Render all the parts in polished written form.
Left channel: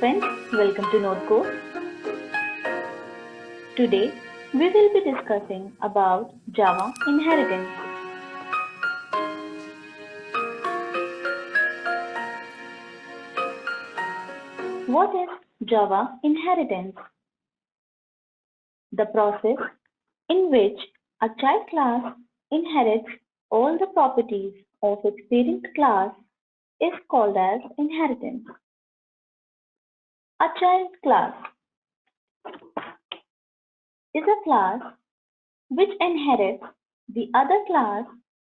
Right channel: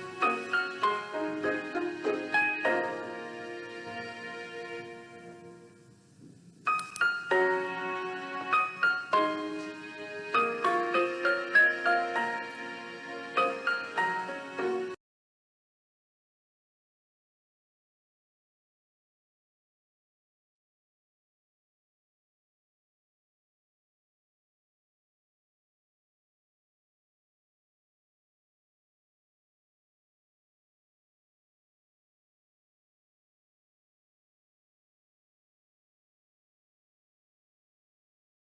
friends, welcome to Notecode. Today we will be discussing about Java inheritance. What is Java inheritance? The process in which a child class inherits all the properties of its parent class is called as inheritance. A child class is a class which inherits the other class.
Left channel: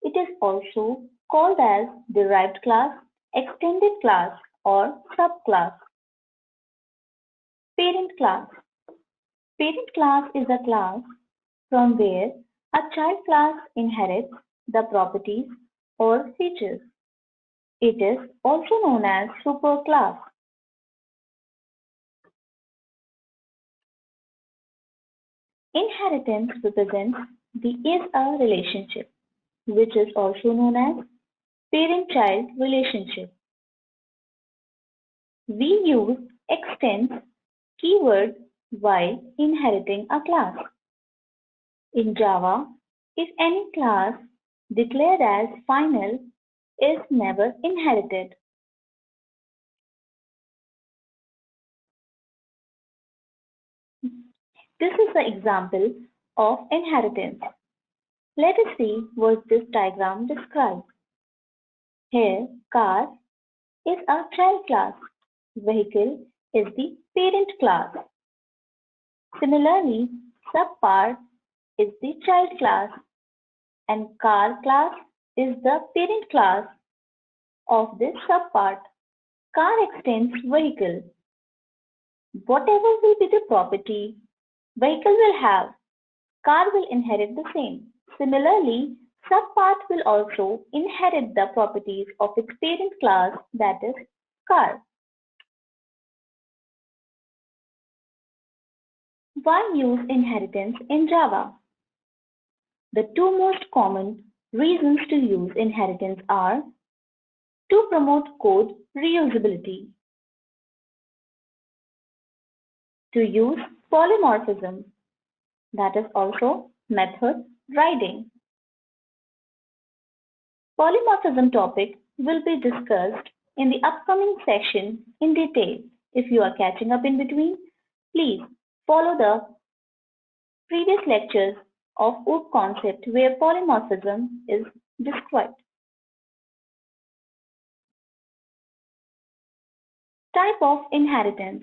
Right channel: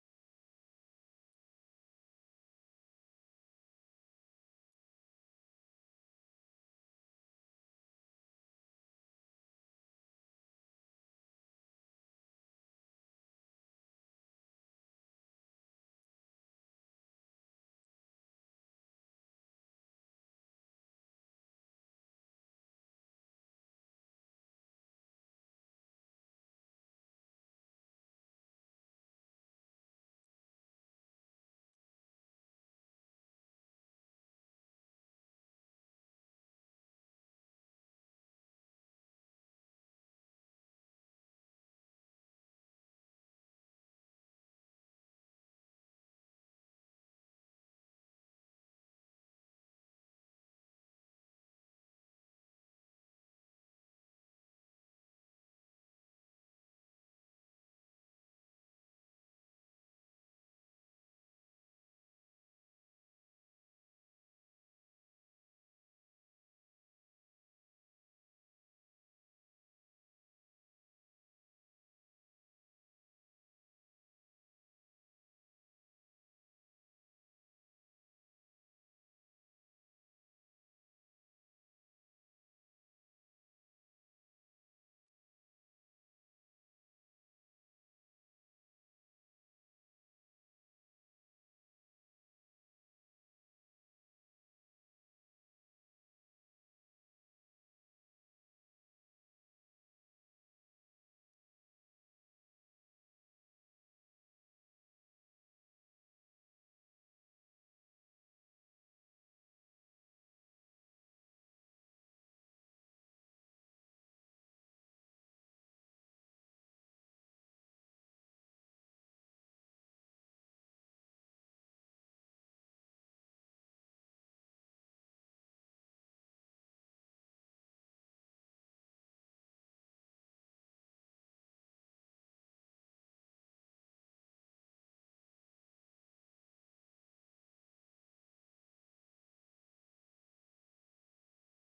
It is also called as derived class, extended class, or subclass. Parent class. Parent class is a class from where a child class inherits the properties or features. It is also known as superclass. Inheritance represents the is a relationship, which is also known as parent-child relationship. We use extends keyword while inheriting a class. In Java, if any class declared as final is never inherited. This is the example of inheritance. Let us see what this diagram describes. Here, car is a child class. Vehicle is the parent class. Similarly, subpart is the child class and car class is the parent class of this subpart. Car extends vehicle. Whatever will be the property vehicle will have, car will inherit the same. Similarly, subpart will also inherit the properties of its parent class, that is car. Why use inheritance in Java? The two most common reasons to use inheritance are to promote code reusability, to use polymorphism, that is also method riding. Polymorphism topic will be discussed in the upcoming session in detail. If you are catching up in between, please follow the previous lectures of OOP concept where polymorphism is described. Type of inheritance.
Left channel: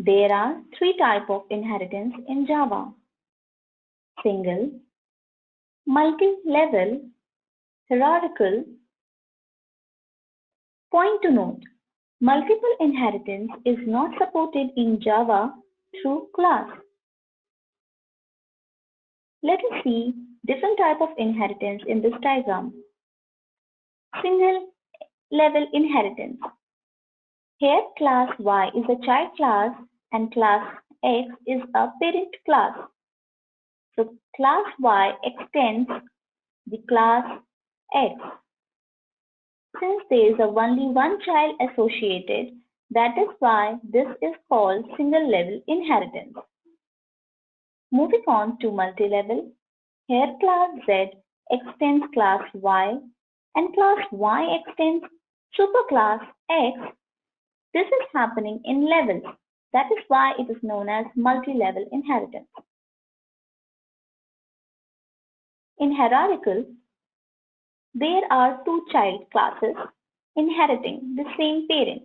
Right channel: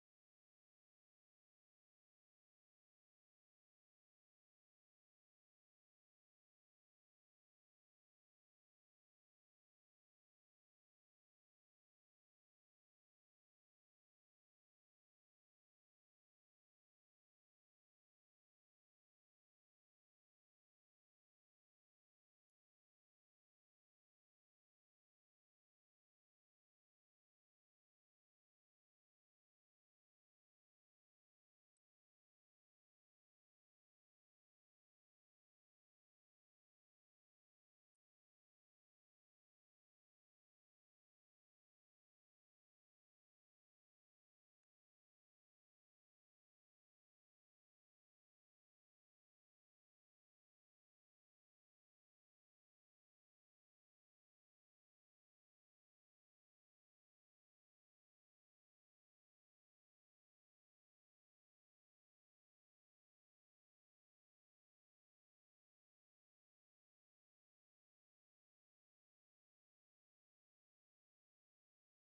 There are three types of inheritance in Java: single, multi-level, hierarchical. Point to note: multiple inheritance is not supported in Java through class. Let us see different type of inheritance in this diagram. Single level inheritance. Here class Y is a child class and class X is a parent class. So class Y extends the class X. Since there is only one child associated, that is why this is called single level inheritance. Moving on to multi-level, here class Z extends class Y and class Y extends superclass X. This is happening in levels. That is why it is known as multi-level inheritance. In hierarchical, there are two child classes inheriting the same parent.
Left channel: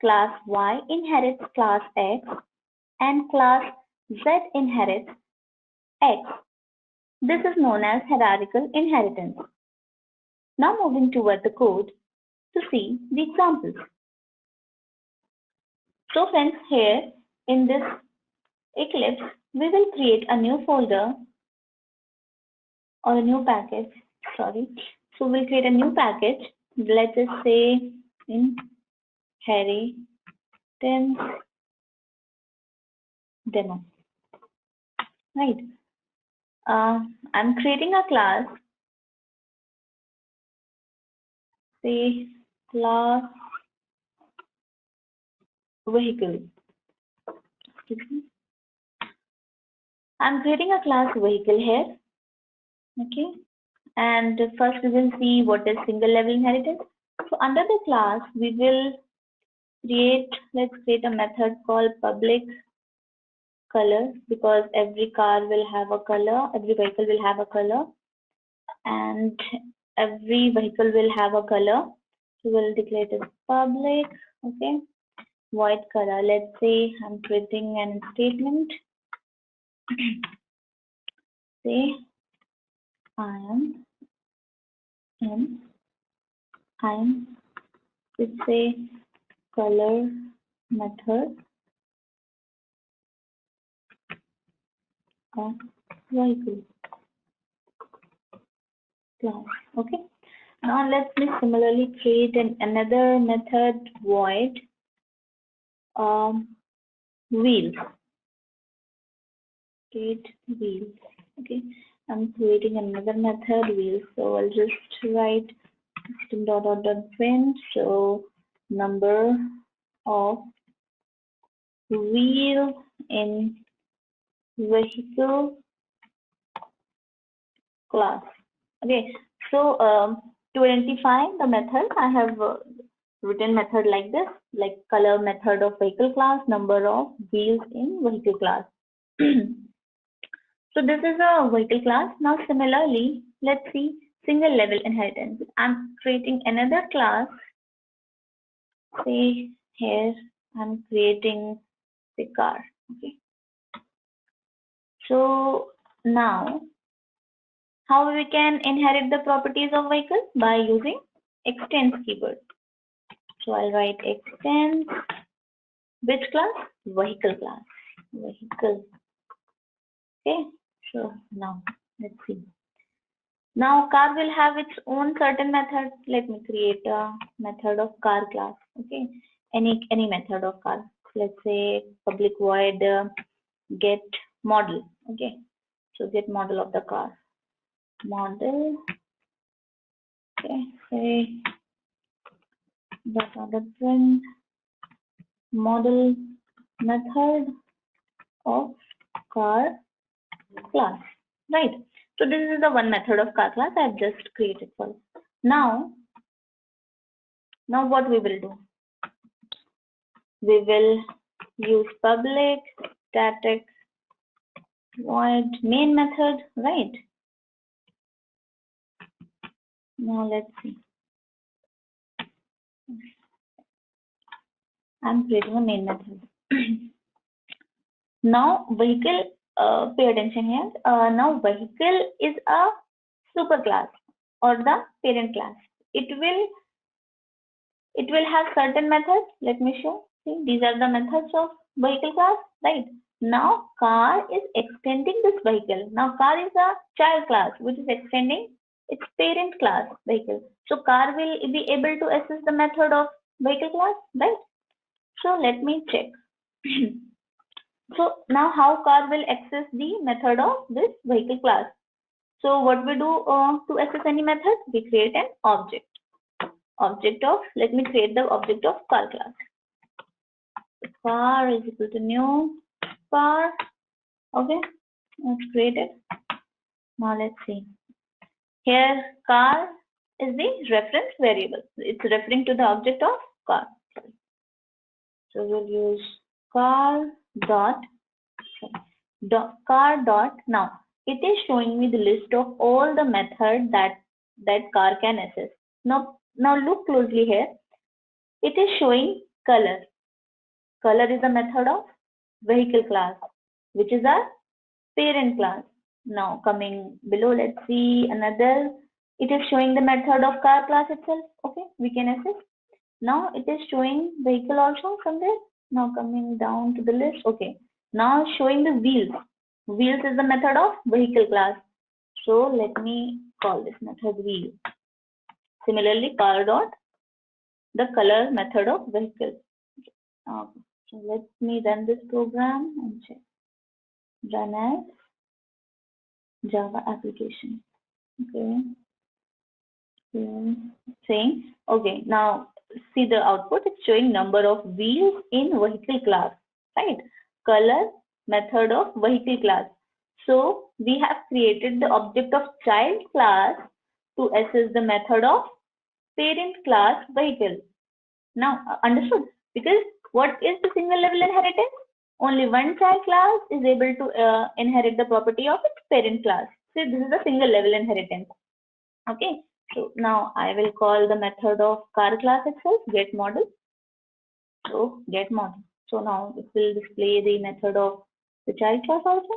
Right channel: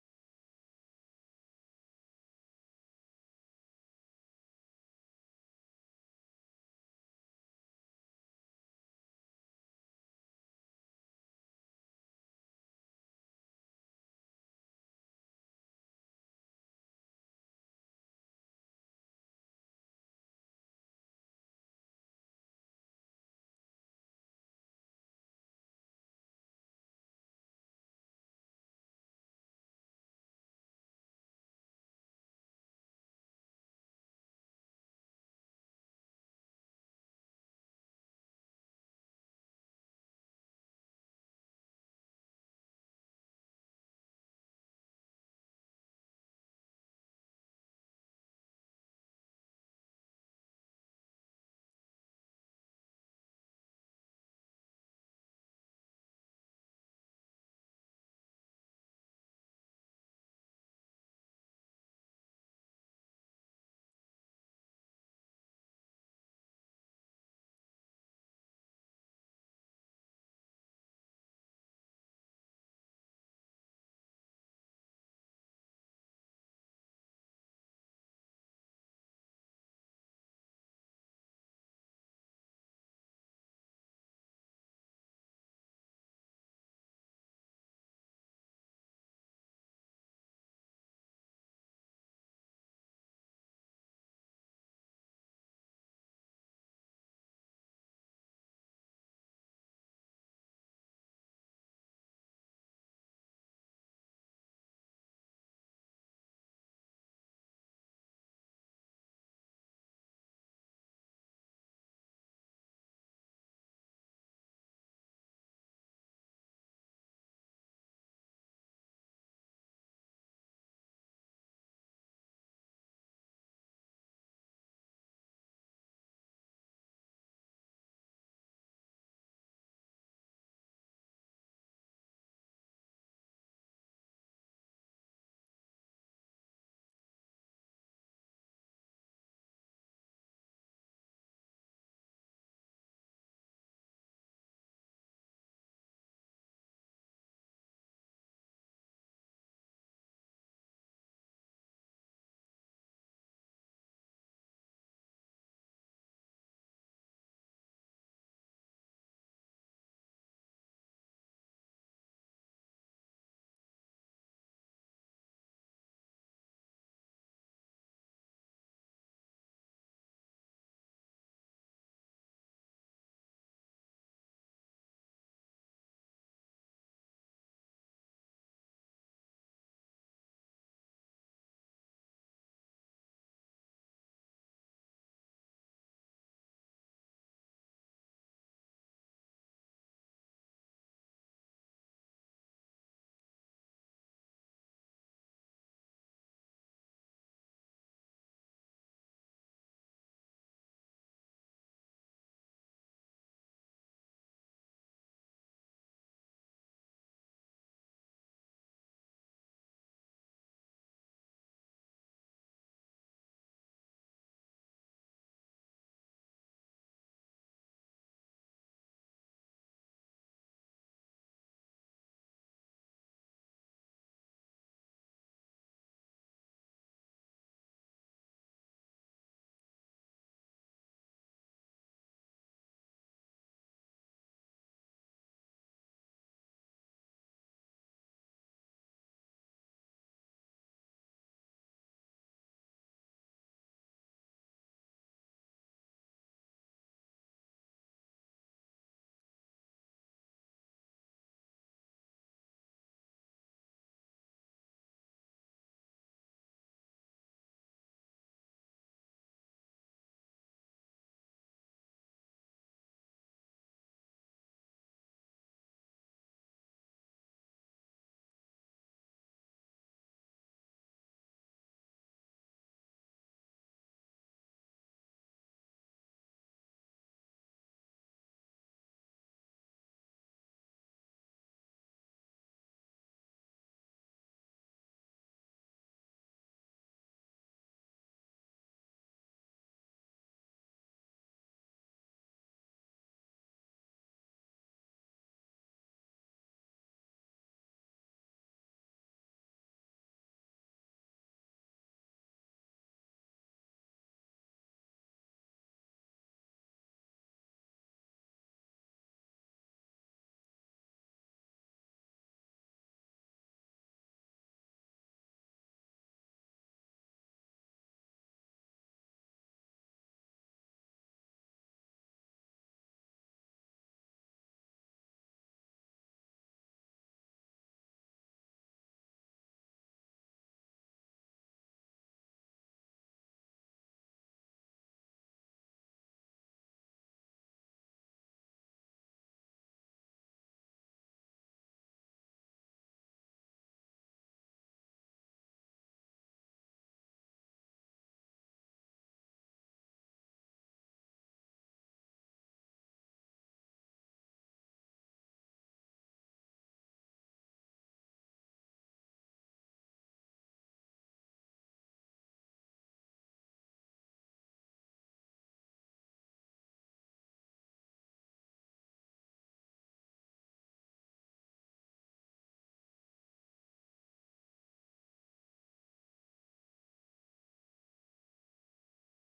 Class Y inherits class X and class Z inherits X. This is known as hierarchical inheritance. Now moving toward the code to see the examples. So friends, here in this Eclipse, we will create a new folder or a new package. So we'll create a new package. Let us say inheritance demo. Right. I'm creating a class. Say class vehicle. I'm creating a class vehicle here. Okay. And first we will see what is single level inheritance. So under the class, we will let's create a method called public color, because every car will have a color, every vehicle will have a color, and every vehicle will have a color. So we'll declare it as public. Okay. Void color. Let's say I'm creating an statement. Say I am in, it's a color method of vehicle class. Okay. Now let me similarly create another method void wheels. Create wheels. Okay. I'm creating another method wheels. So I'll just write system.out.print. So number of wheels in vehicle class. Okay, so to identify the method, I have written method like this, like color method of vehicle class, number of wheels in vehicle class. So this is a vehicle class. Now similarly, let's see single level inheritance. I'm creating another class. Say here I'm creating the car. Okay. So now how we can inherit the properties of vehicle? By using extends keyword. So I'll write extends which class? Vehicle class. Vehicle. Okay. So now let's see. Now car will have its own certain method. Let me create a method of car class. Okay. Any method of car. Let's say public void get model. Okay. So get model of the car. Model. Okay. Say the print model method of car class, right? So this is the one method of car class I've just created for. Now what we will do? We will use public static void main method, right? Now let's see. I'm creating a main method. Now vehicle, pay attention here. Now vehicle is a superclass or the parent class. It will have certain methods. Let me show. See, these are the methods of vehicle class, right? Now car is extending this vehicle. Now car is a child class which is extending its parent class vehicle. So car will be able to access the method of vehicle class, right? So let me check. So now how car will access the method of this vehicle class? So what we do to access any method? We create an object. Let me create the object of car class. Car is equal to new car. Okay, let's create it. Now let's see. Here car is the reference variable. It's referring to the object of car. So we'll use car dot now. It is showing me the list of all the methods that car can access. Now look closely here. It is showing color. Color is a method of vehicle class, which is our parent class. Now coming below, let's see another. It is showing the method of car class itself. Okay, we can access. Now it is showing vehicle also from there. Now coming down to the list. Okay, now showing the wheels. Wheels is the method of vehicle class. So let me call this method wheel. Similarly, car dot the color method of vehicle. Okay. So let me run this program and check. Run as Java application. Okay. saying, okay, now see the output. It's showing number of wheels in vehicle class, right? Color, method of vehicle class. So we have created the object of child class to assess the method of parent class vehicle. Now, understood? Because what is the single level inheritance? Only one child class is able to inherit the property of its parent class. So this is a single level inheritance. Okay. So now I will call the method of car class itself, get model. So get model. So now it will display the method of the child class also.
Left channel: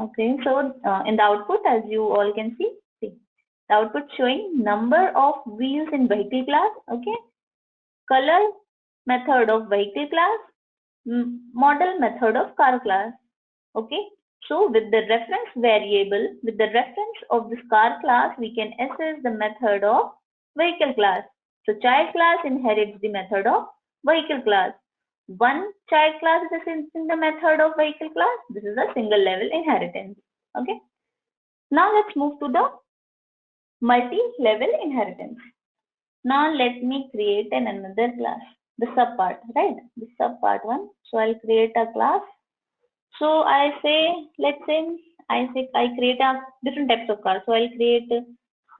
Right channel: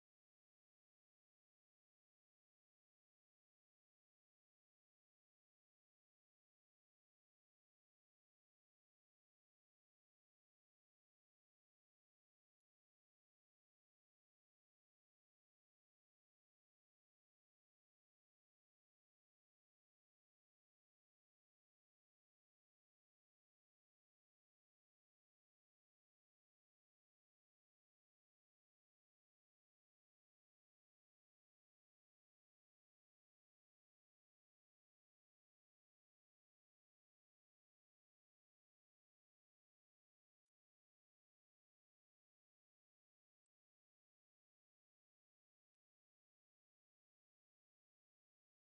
Okay. So in the output, as you all can see, the output showing number of wheels in vehicle class. Okay. Color, method of vehicle class, model, method of car class. Okay. So with the reference variable, with the reference of this car class, we can assess the method of vehicle class. So child class inherits the method of vehicle class. One child class is assessing the method of vehicle class. This is a single level inheritance. Okay. Now let's move to the multi-level inheritance. Now let me create another class, the subpart, right? The subpart one. So I'll create a class. So I say, let's say, I create a different types of cars. So I'll create,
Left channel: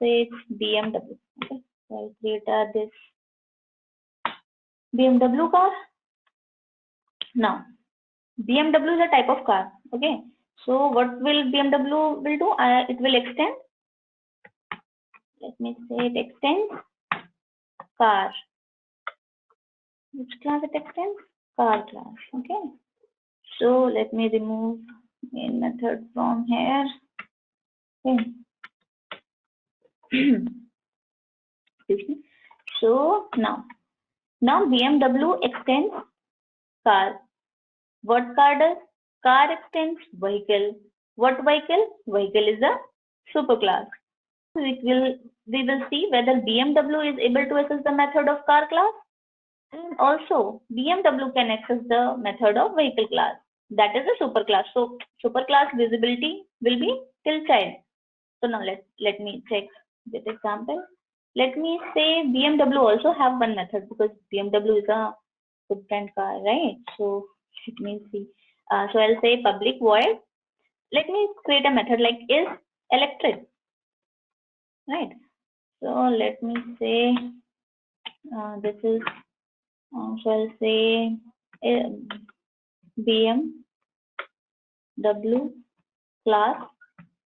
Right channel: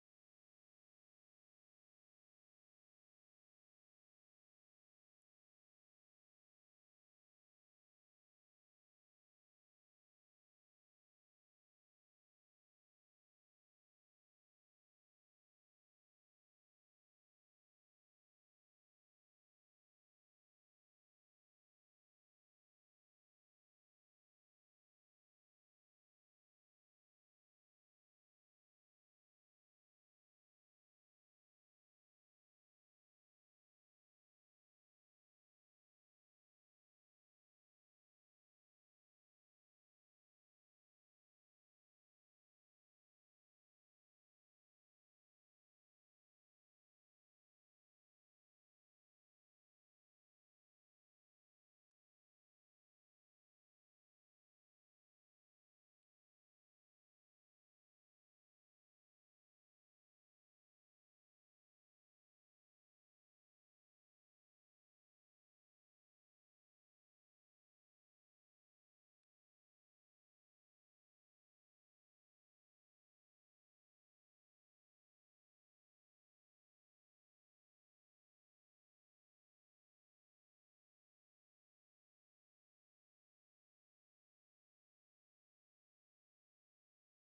say it's BMW. Okay. So I'll create this BMW car. Now, BMW is a type of car. Okay. So what will BMW will do? It will extend. Let me say it extends car. Which class it extends? Car class. Okay. So let me remove main method from here. Okay. Excuse me. So now BMW extends car. What car does? Car extends vehicle. What vehicle? Vehicle is a superclass. We will see whether BMW is able to access the method of car class, and also BMW can access the method of vehicle class. That is a superclass. So superclass visibility will be till child. So now let me check this example. Let me say BMW also have one method because BMW is a good brand car, right? So let me see. So I'll say public void. Let me create a method like is electric, right? So let me say this is so I'll say BMW class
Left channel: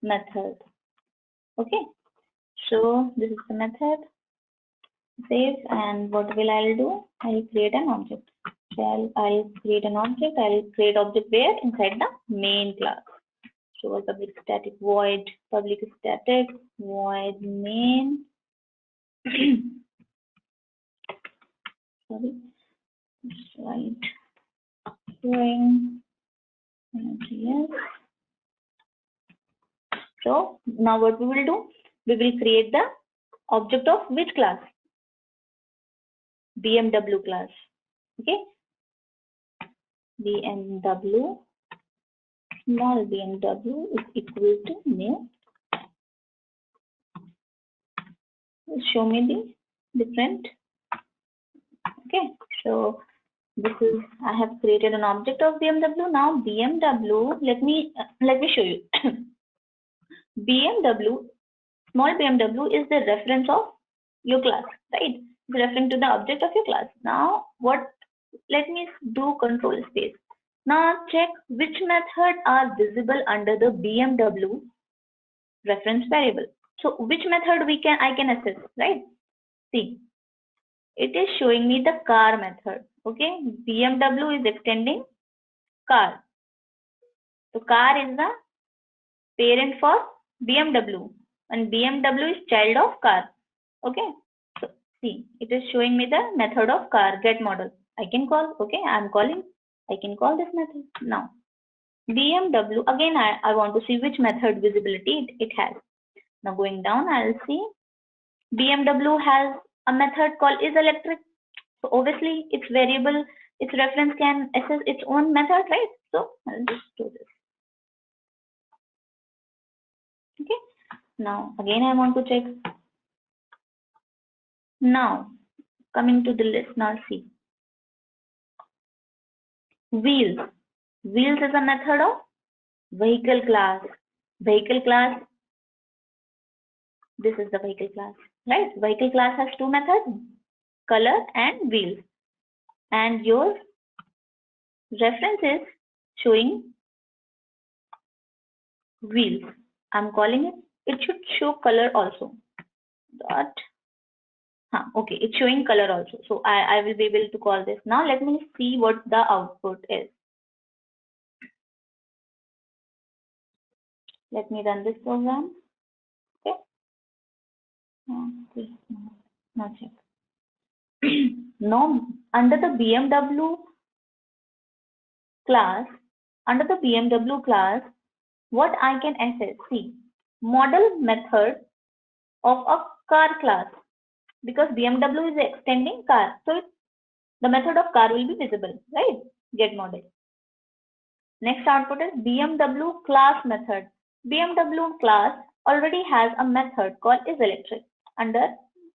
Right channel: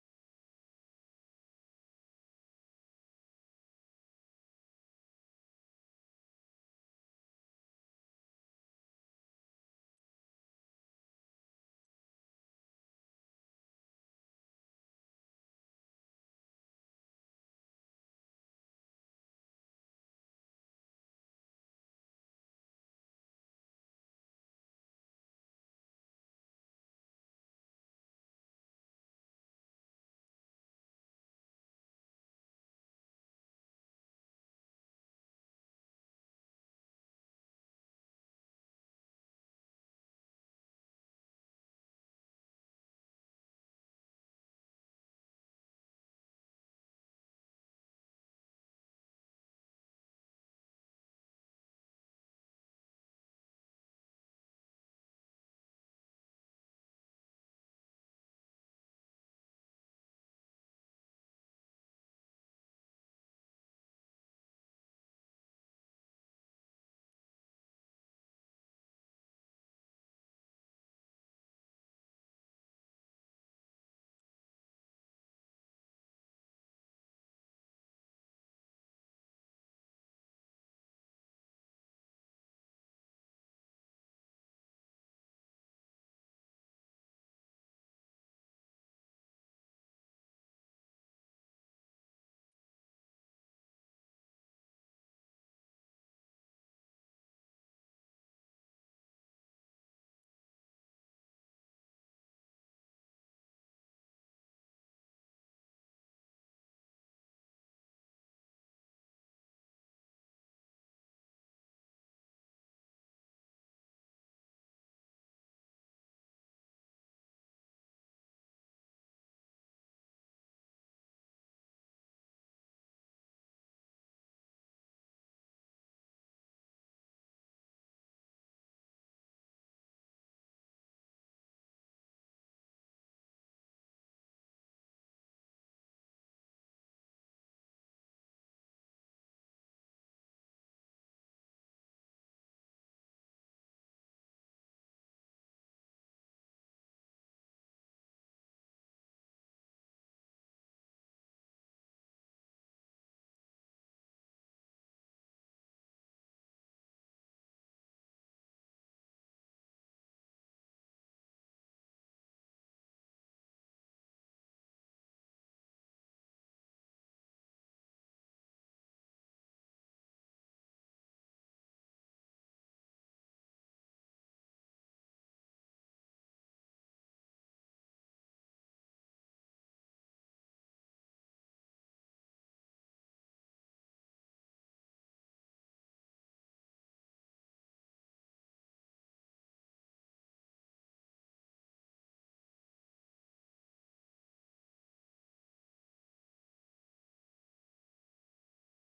method. Okay. So this is the method. Save, and what will I'll do? I'll create an object. So I'll create an object. I'll create object where inside the main class. So public static void public static void main. Sorry, right. String. Yes. So now what we will do? We will create the object of which class? BMW class. Okay. BMW small BMW is equal to new. Show me the different. Okay. So this is I have created an object of BMW. Now BMW. Let me show you. BMW small BMW is the reference of your class, right? It's referring to the object of your class. Now what? Let me do control space. Now check which method are visible under the BMW reference variable. So which method I can access, right? See, it is showing me the car method. Okay, BMW is extending car. So car is the parent for BMW, and BMW is child of car. Okay, so see, it is showing me the method of car get model. I can call. Okay, I can call this method now. BMW again. I want to see which method visibility it has. Now going down, I'll see BMW has a method called is electric. So obviously its variable, its reference can access its own method, right? So I'll just do this. Okay. Now again I want to check. Now coming to the list, now see. Wheels. Wheels is a method of vehicle class. Vehicle class, this is the vehicle class, right? Vehicle class has two methods, color and wheels. And your reference is showing wheels. I'm calling it, it should show color also. Dot. Okay, it's showing color also. So I will be able to call this. Now let me see what the output is. Let me run this program. Okay. Now check. Now under the BMW class, what I can access? See, model method of a car class, because BMW is extending car, so the method of car will be visible, right? Get model. Next output is BMW class method. BMW class already has a method called isElectric. Under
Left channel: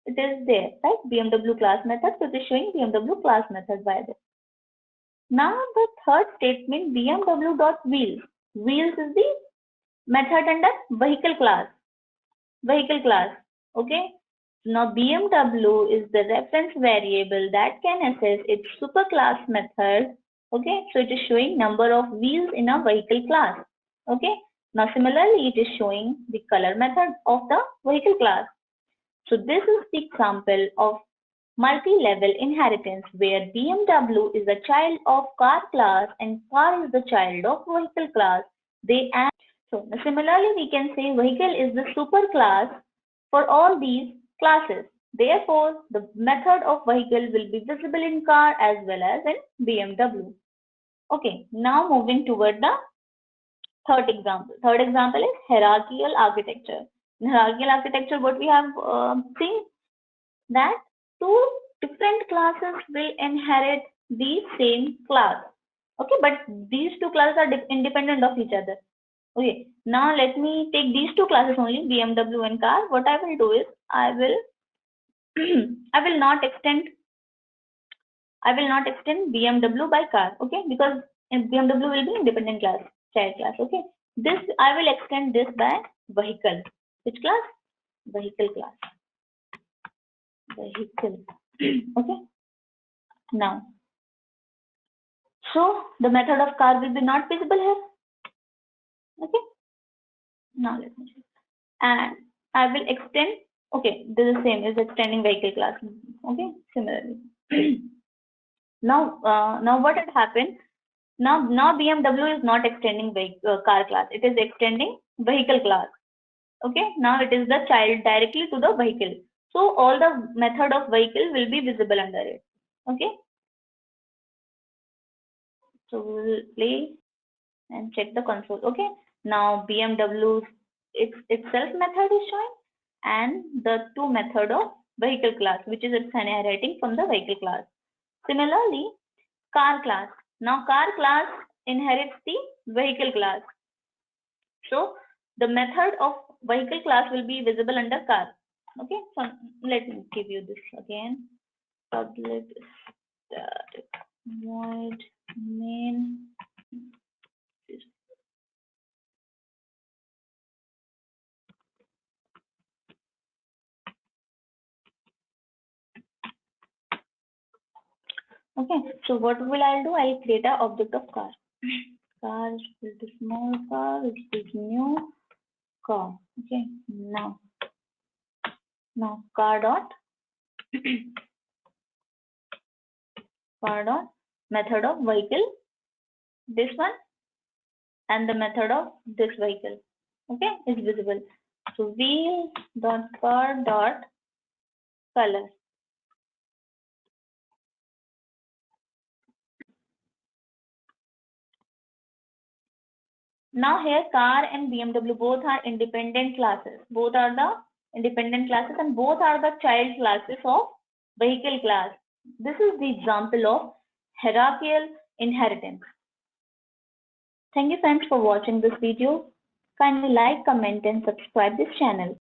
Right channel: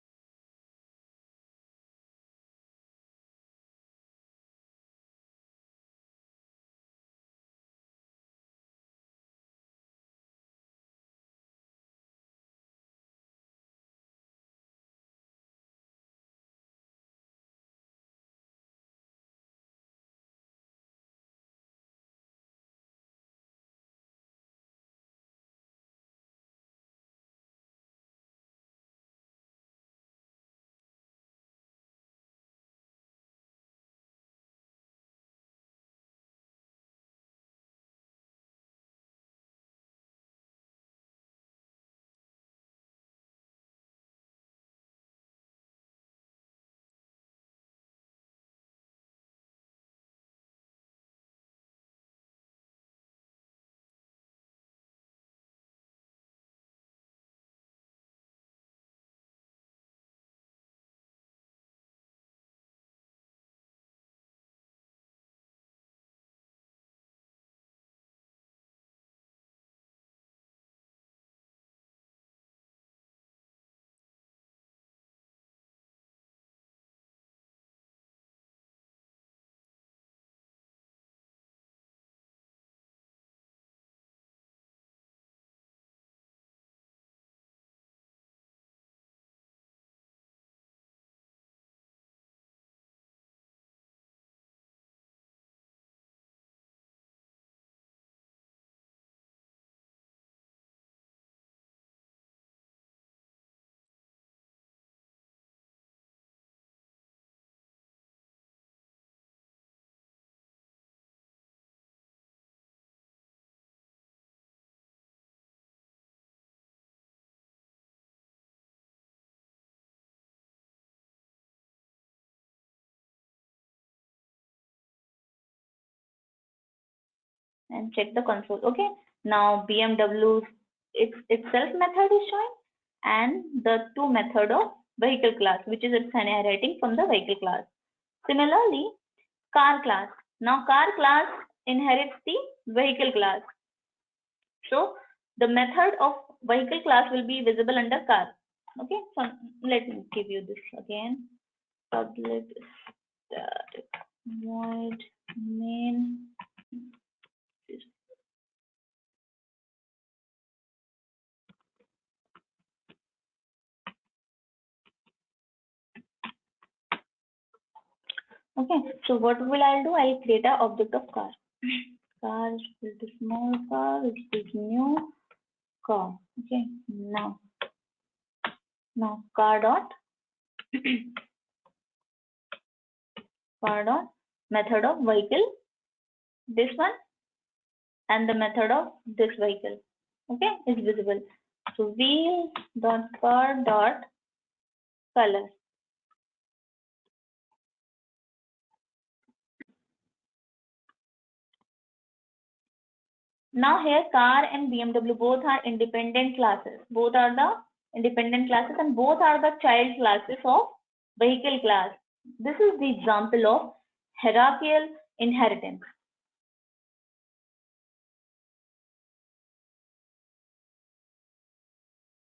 it is there, right? BMW class method, so it is showing BMW class method by this. Now the third statement, BMW.wheels. Wheels is the method under vehicle class. Okay. Now BMW is the reference variable that can access its superclass method. Okay, so it is showing number of wheels in a vehicle class. Okay, now similarly it is showing the color method of the vehicle class. So this is the example of multi-level inheritance where BMW is a child of car class and car is the child of vehicle class. So similarly we can say vehicle is the superclass for all these classes. Therefore, the method of vehicle will be visible in car as well as in BMW. Okay, now moving toward the third example. Third example is hierarchical architecture. In hierarchical architecture, what we have seen that two different classes will inherit the same class. Okay, but these two classes are independent of each other. Okay, now let me take these two classes only, BMW and car. What I will do is I will not extend BMW by car, okay, because BMW will be independent class, child class. Okay, this I will extend this by vehicle. Which class? Vehicle class. Vehicle. Okay. Now, so the method of car will be not visible here. Okay. Now let me see. And I will extend. Okay, this is same is extending vehicle class. Okay, similarly. Now what had happened? Now BMW is not extending car class. It is extending vehicle class. Okay. Now it is the child directly to the vehicle. So all the method of vehicle will be visible under it. Okay. So we will play and check the console. Okay. Now BMW's itself method is showing, and the two method of vehicle class, which is its inheriting from the vehicle class. Similarly, car class. Now car class inherits the vehicle class. So the method of vehicle class will be visible under car. Okay, so let me give you this again. Public static void main. Okay, so what will I do? I'll create an object of car. Car is the small car, it is new car. Okay, now car dot method of vehicle, this one, and the method of this vehicle. Okay, is visible. So wheel dot car dot color. Now here car and BMW both are independent classes. Both are the independent classes and both are the child classes of vehicle class. This is the example of hierarchical inheritance. Thank you friends for watching this video. Kindly like, comment and subscribe this channel.